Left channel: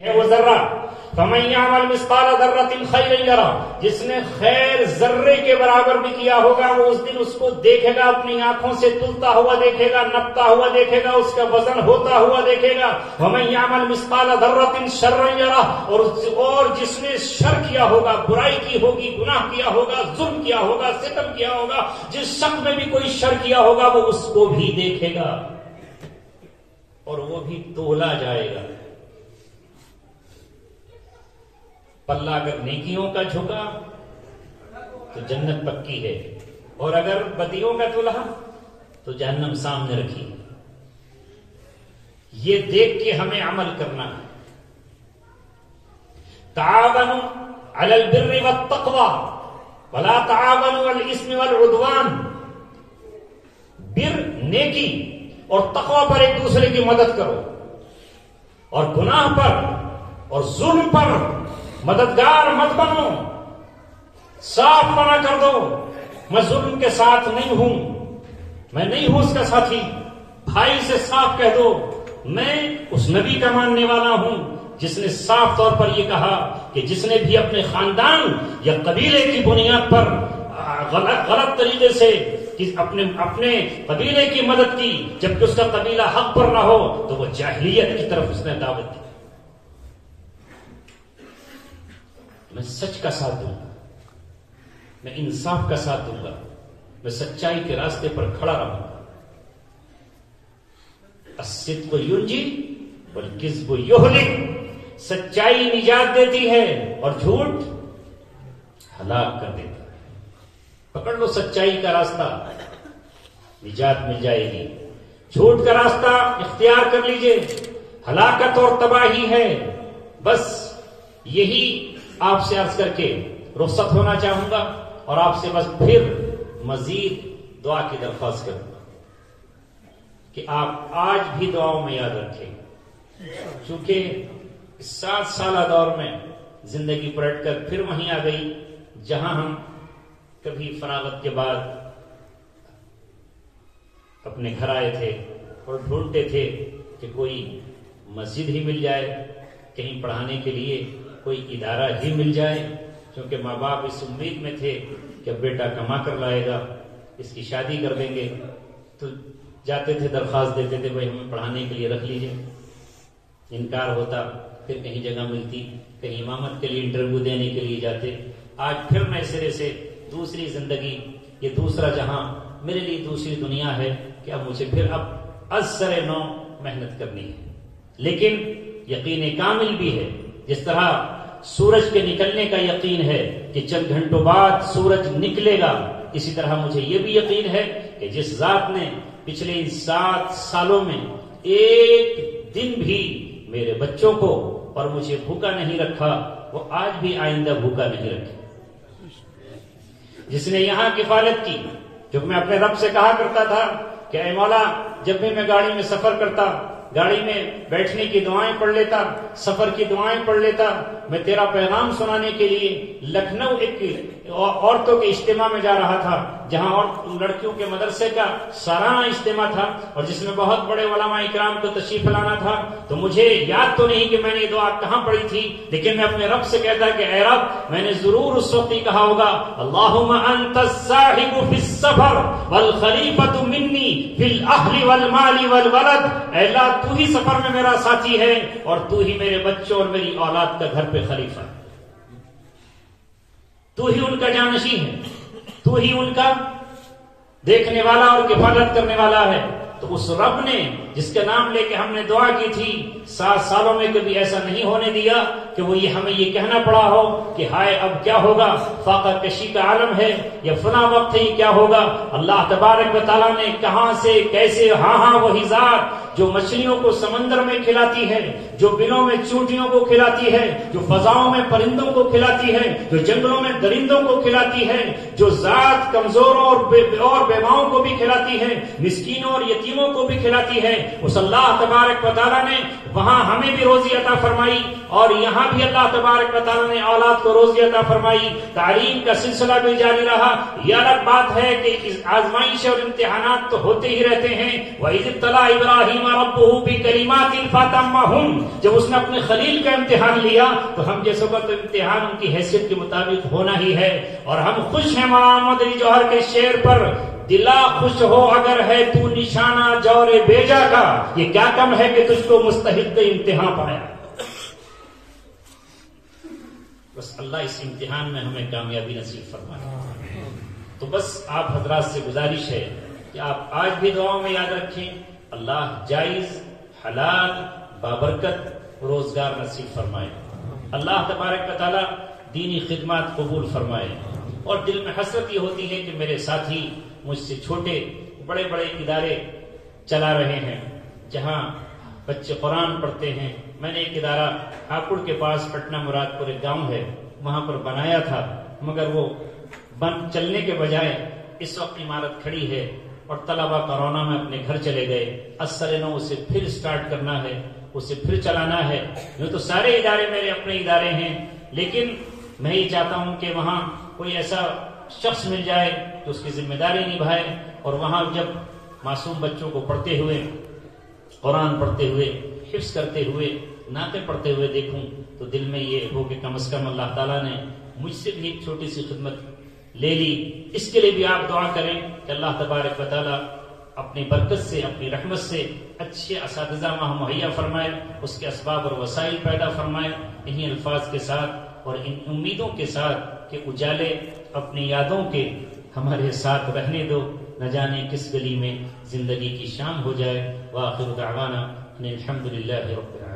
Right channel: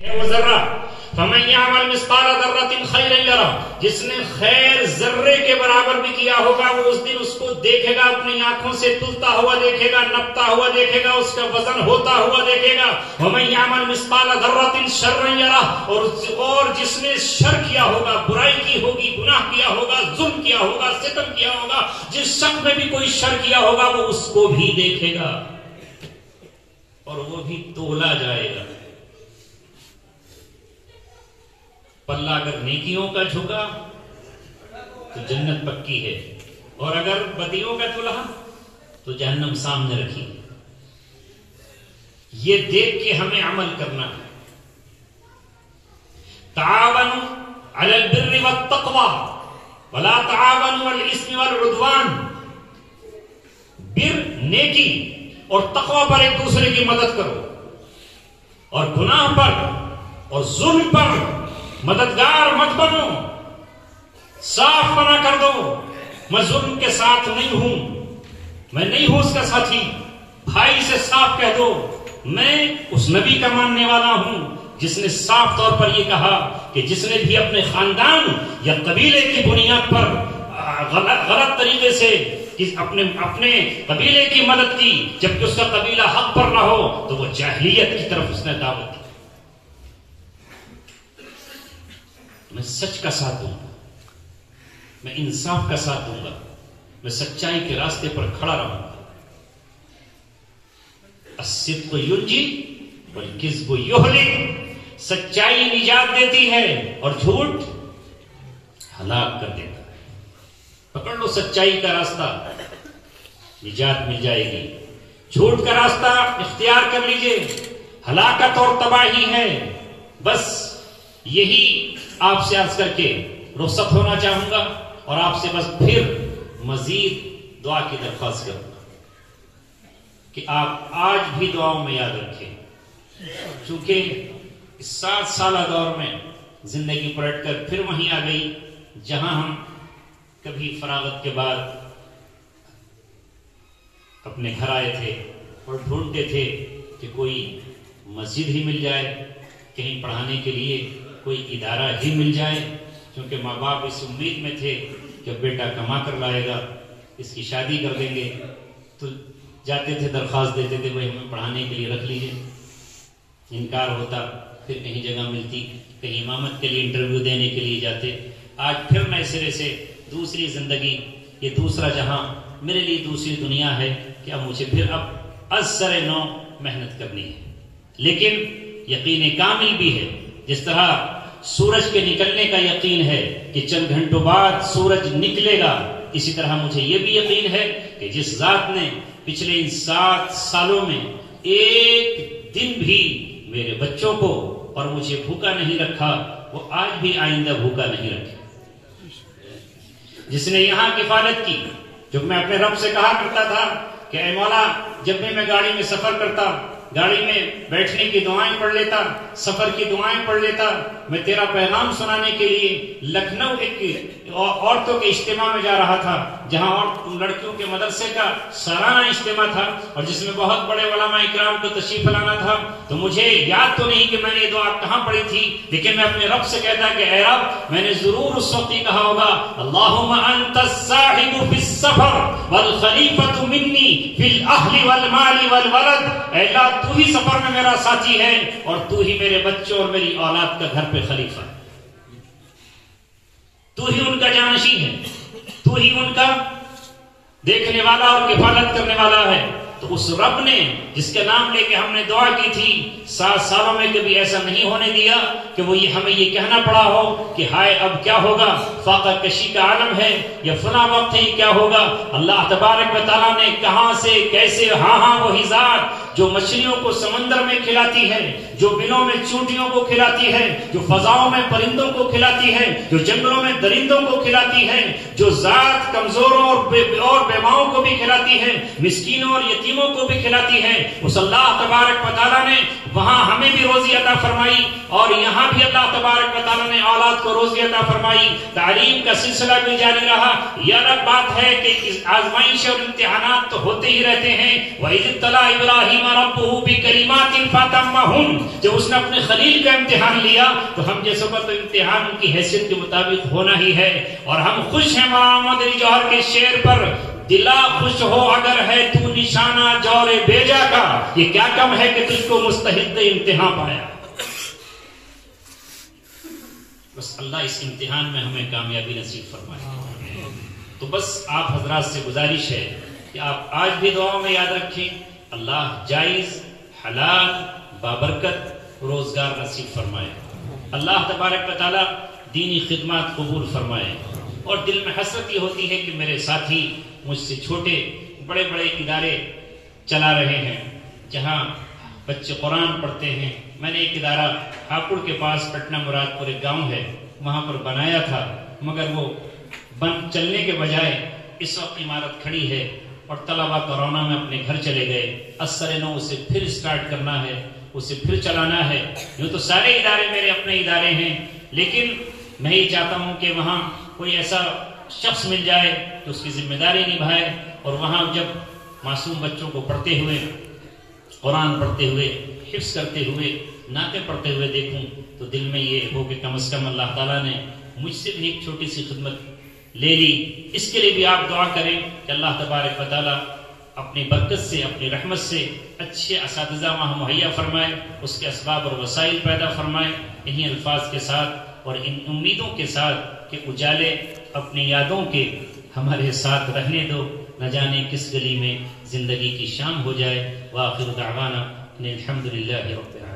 ہے وہ ذرہ، فَمَن يَعْمَلْ مِثْقَالَ ذَرَّةٍ خَيْرًا يَرَهُ، جس نے خیر ذرے کے برابر بھی کیا ہوگا وہ اس دن اس کو دیکھے گا، اپنی آنکھوں سے تلتا ہوا دیکھے گا، نپتا ہوا دیکھے گا، اس کا وزن ہوتا ہوا دیکھے گا۔ وَمَن يَعْمَلْ مِثْقَالَ ذَرَّةٍ شَرًّا يَرَهُ، اور جس نے شر کیا ہوگا، برائی کی ہوگی، گناہ کیا ہوگا، ظلم کیا ہوگا، ستم کیا ہوگا، جس شخص نے بھی کوئی شر کیا ہوگا وہ اس کو بھی دیکھے گا اور وہ بھی تولا جائے گا۔ پلہ اگر نیکیوں کا جھکا تو جنت پکی ہے، اور اگر بدیوں کا تلا تو جہنم سامنے رکھی۔ یہ دیکھ کے ہمیں عمل کرنا ہے۔ تعاونوا علی البر والتقوی ولا تعاونوا علی الاثم والعدوان، بر نیکی اور تقوی پر ایک دوسرے کی مدد کرو، اور گناہ پر اور ظلم پر مددگار مت بنو، صاف منع کر دو۔ میں ظلم کے ساتھ نہیں ہوں، میں نہیں ہوں اس کا ساتھی۔ بھائی سے صاف کہہ دو میں اس نبی کا ماننے والا ہوں جس نے صاف طور پر یہ کہا کہ جس نے بھی اپنے خاندان یا قبیلے کی بنیاد پر غلط طریقے سے اپنے قبیلے کی مدد کی جبکہ اس کا قبیلہ حق پر نہ ہو تو وہ جاہلیت کی طرف اس نے دعوت دی۔ میں سچ کا ساتھ دوں گا، میں انصاف کا ساتھ دوں گا، میں سچائی کے راستے پر کھڑا رہوں گا۔ الصدق ینجی والکذب یہلک، سچائی نجات دیتی ہے اور جھوٹ ہلاک کر دیتا ہے۔ پکڑ لو سچائی کا راستہ، نجات مل جائے گی۔ جھوٹ کا راستہ اختیار کر لیجئے، ہلاکت اور تباہی ہے۔ بس یہی آپ سے عرض کر کے رخصت ہونا چاہوں گا، اور آپ سے بس پھر مزید دعا کی درخواست کروں گا کہ آپ آج بھی دعاؤں میں یاد رکھیں، چونکہ اس 7 سالہ دور میں زندگی پلٹ کر پھر وہیں آ گئی جہاں ہم کبھی فراغت کے بعد اپنے گھر آئے تھے اور ڈھونڈتے تھے کہ کوئی مسجد ہی مل جائے، کہیں پڑھانے کے لیے کوئی ادارہ ہی مل جائے، کیونکہ ماں باپ اس امید میں تھے کہ بیٹا کما کر لائے گا، اس کی شادی کر دیں گے، تو جاتے تھے درخواست دیتے تھے بھائی ہمیں پڑھانے کے لیے رکھ لیجئے۔ انکار ہوتا، پھر کہیں جگہ ملتی، کہیں امامت کے لیے انٹرویو دینے کے لیے جاتے۔ آج پھر نئے سرے سے دوسری زندگی، یہ دوسرا جہاں، میرے لیے دوسری دنیا ہے کہ اب مجھے پھر اب از سر نو محنت کرنی ہے۔ لیکن یقین کامل بھی ہے، جس طرح سورج کے نکلنے کا یقین ہے کہ چند گھنٹوں بعد سورج نکلے گا، اسی طرح مجھے یہ بھی یقین ہے کہ جس ذات نے پچھلے ان 7 سالوں میں ایک دن بھی میرے بچوں کو اور مجھے بھوکا نہیں رکھا، وہ آج بھی آئندہ بھوکا نہیں رکھے۔ جس نے یہاں کفالت کی، جو میں اپنے رب سے کہا کرتا تھا کہ اے مولا جب بھی میں گاڑی میں سفر کرتا، گاڑی میں بیٹھنے کی دعائیں پڑھ لیتا، سفر کی دعائیں پڑھ لیتا، میں تیرا پیغام سنانے کے لیے لکھنؤ ایک عورتوں کے اجتماع میں جا رہا تھا، جہاں لڑکیوں کے مدرسے کا سالانہ اجتماع تھا اور جس میں بہت بڑے علماء اکرام کو تشریف لانا تھا۔ تو مجھے یاد تو نہیں کہ میں نے یہ دعا کہاں پڑھی تھی، لیکن میں اپنے رب سے کہتا کہ اے رب، میں نے ضرور اس وقت ہی کہا ہوگا اللہم انت الصاحب فی السفر والخلیفۃ منی فی الاہل والمال والولد، اے اللہ تو ہی سفر میں میرا ساتھی ہے اور تو ہی میرے بچوں اور میری اولاد کا گھر پہ خلیفہ ہے، تو ہی ان کا جانشین ہے، تو ہی ان کا دیکھنے والا اور کفالت کرنے والا ہے۔ تو اس رب نے جس کے نام لے کے ہم نے دعا کی تھی، 7 سالوں میں کبھی ایسا نہیں ہونے دیا کہ وہ ہمیں یہ کہنا پڑا ہو کہ ہائے اب کیا ہوگا، فاقہ کشی کا عالم ہے یا فلاں وقت ہی کیا ہوگا۔ اللہ تبارک و تعالیٰ نے کہاں سے کیسے، ہاں وہی ذات جو مچھلیوں کو سمندر میں کھلاتی ہے، جو بلوں میں چونٹیوں کو کھلاتی ہے، جو فضاؤں میں پرندوں کو کھلاتی ہے، جو جنگلوں میں درندوں کو کھلاتی ہے، جو ذات کمزوروں اور بیواؤں کو بھی کھلاتی ہے، مسکینوں اور یتیموں کو بھی کھلاتی ہے، اس اللہ تبارک و تعالیٰ نے وہاں ہمیں بھی روزی عطا فرمائی اور یہاں بھی اللہ تبارک و تعالیٰ نے اولاد کو روزی عطا فرمائی، تعلیم کا سلسلہ بھی جاری رہا۔ یہ الگ بات ہے کہ آزمائش اور امتحانات تو ہوتے ہی رہتے ہیں۔ وَإِذِ ابْتَلَىٰ إِبْرَاهِيمَ رَبُّهُ بِكَلِمَاتٍ فَأَتَمَّهُنَّ، جب اس نے اپنے خلیل کا امتحان لیا تو ہم جیسے تو امتحان کی حیثیت کے مطابق ہونا ہی ہے۔ اور ہم خوش ہیں مولانا مدنی جوہر کے شعر پر، دلا خوش ہو اگر ہے تو نشانہ جور بیجا کا، یہ کیا کم ہے کہ تجھ کو مستحق امتحان پایا۔ بس اللہ اس امتحان میں ہمیں کامیابی نصیب فرمائے۔ تو بس آپ حضرات سے گزارش ہے کہ آپ آج بھی دعاؤں میں یاد رکھیں، اللہ جائز حلال بابرکت روزگار نصیب فرمائے، اللہ تبارک و تعالی دینی خدمات قبول فرمائے۔ اور دل میں حسرت یہ ہوتی ہے کہ میرے ساتھی مجھ سے چھوٹے بڑے بڑے ادارے چلا رہے ہیں جہاں بچے قرآن پڑھتے ہیں۔ میں نے ایک ادارہ ہاپوڑ کے پاس پٹنہ مراد پور ایک گاؤں ہے وہاں پر بنایا تھا، مگر وہ بند چلنے کے بجائے اس وقت عمارت کھڑی ہے اور طلبہ کرونا میں اپنے گھر چلے گئے۔ اثر نو اسے پھر سٹارٹ کرنا ہے، اسے پھر چلانا ہے۔ یوں تو سارے ادارے میرے اپنے ادارے ہیں، لیکن میں یہ چاہتا ہوں کہ وہاں کوئی ایسا شخص مل جائے تو اس کی ذمہ داری نبھائے، اور وہاں جب معصوم بچوں کو پڑھتے ہوئے، قرآن پڑھتے ہوئے، حفظ کرتے ہوئے، نعتیں پڑھتے ہوئے دیکھوں تو دل میں یہ ہو کہ کم از کم اللہ تعالیٰ نے مجھ سے بھی ایک چھوٹی سی خدمت لے لی۔ اس کے لیے بھی آپ دعا کریں کہ اللہ تبارک و تعالیٰ اپنی برکت سے، اپنی رحمت سے اچھے اساتذہ وہاں مہیا فرمائے، اس کے اسباب اور وسائل پیدا فرمائے۔ انہی الفاظ کے ساتھ اور ان امیدوں کے ساتھ کہ اجالے اپنی یادوں کے ہمارے ساتھ رہنے دو، نہ جانے کس گلی میں زندگی کی شام ہو جائے۔ وآخر دعوانا ان الحمدللہ رب العالمین۔